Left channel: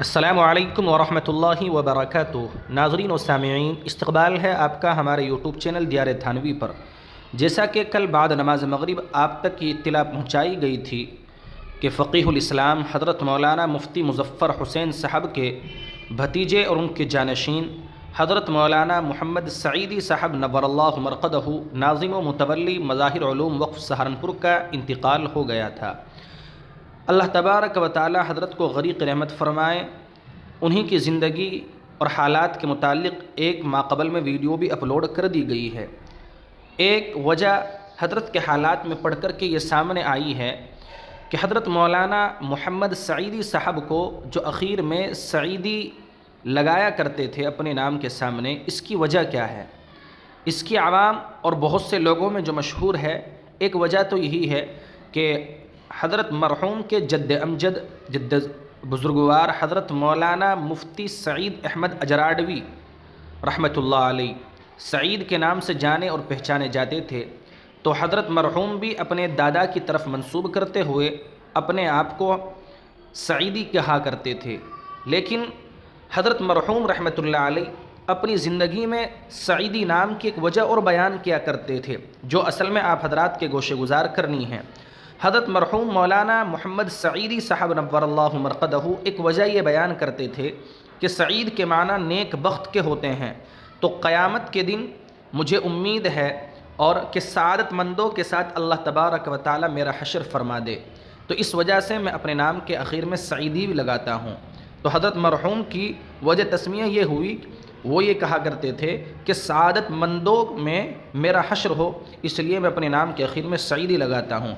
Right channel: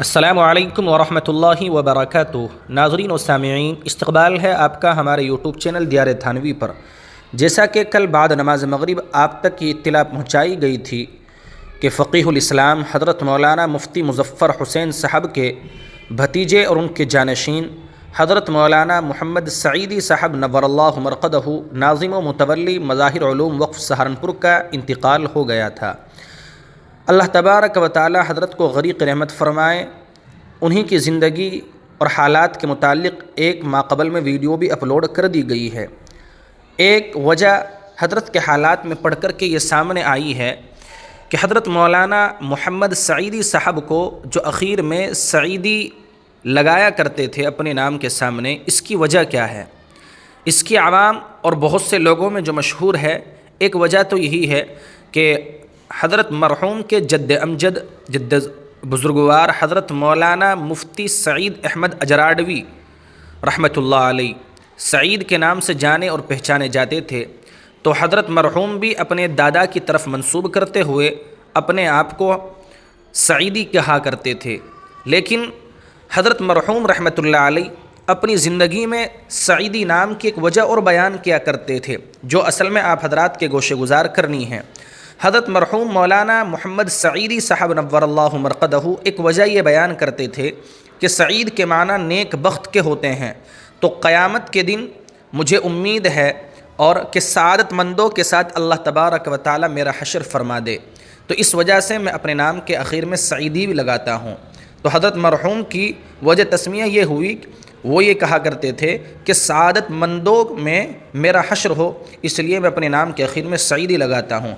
السلام علیکم ورحمۃ اللہ وبرکاتہ۔ ناظرین و سامعین، استقبال ہے آپ کا ہمارے یوٹیوب چینل دیار تھانوی پر۔ جیسا کہ کل بعد نماز مغرب آپ تک یہ اطلاع پہنچائی گئی تھی کہ فقیہ الاسلام حضرت مولانا مفتی مظفر حسین صاحب کے بھتیجے اور ان کے جانشین حضرت مولانا محمد سعیدی صاحب نور اللہ مرقدہ، ناظم و متولی مظاہر علوم وقف سہارنپور کا انتقال ہو گیا تھا۔ اللہ تبارک و تعالی حضرت کو غریق رحمت فرمائے۔ انہی کی زندگی اور حالات کے متعلق ایک ماہ قبل میں ویڈیو بھی اپلوڈ کر دی گئی ہے۔ ایک وجہ حضرت کے حالات میں پڑھ کر کے یہ سامنے آئی ہے کہ حضرت مولانا محمد سعیدی صاحب کو جو اخیر میں سعیدی لگایا کرتے تھے اپنے نام کے سامنے، اس کی وجہ کیا ہے؟ اس کی عوام اور بہت سے لوگوں میں جو مشہور ہے، ایک وجہ تو یہی ہے کہ حضرت مرحوم کے جد امجد جد بزرگوار حضرت مولانا مفتی سعید احمد اجراڈوی رحمۃ اللہ علیہ سعید کے نام سے جانے اور پہچانے جاتے تھے، تو حضرت مرحوم بھی اپنے دادا کی طرف منسوب کرتے ہوئے اپنے آپ کو سعیدی کہا کرتے تھے۔ لیکن حضرت مرحوم رحمۃ اللہ علیہ اپنی زندگی میں سعیدی نام کی ایک وجہ اور بیان کیا کرتے تھے، جو اصل میں آپ حضرات کے گوشے گزار کرنی ہے۔ حضرت مرحوم مولانا محمد سعیدی صاحب نور اللہ مرقدہ ایک وجہ یہ بیان کرتے تھے کہ سعید کے معنی نیک بخت کے ہوتے ہیں، تو قیامت کے دن مجھے امید ہے اور کہ سعادت مندوں کے ساتھ اللہ تبارک و تعالی میرا حشر فرما دے، تو اس وجہ سے میں اپنے نام کے اخیر میں سعیدی بھی لگاتا ہوں۔ تو حضرت مرحوم کی وجہ تسمیہ یہ ہوئی، وہ یہ کہا کرتے تھے کہ سعادت مندوں میں میرا حشر ہو، اس لیے میں اپنے نام کے اخیر میں سعیدی لگاتا ہوں۔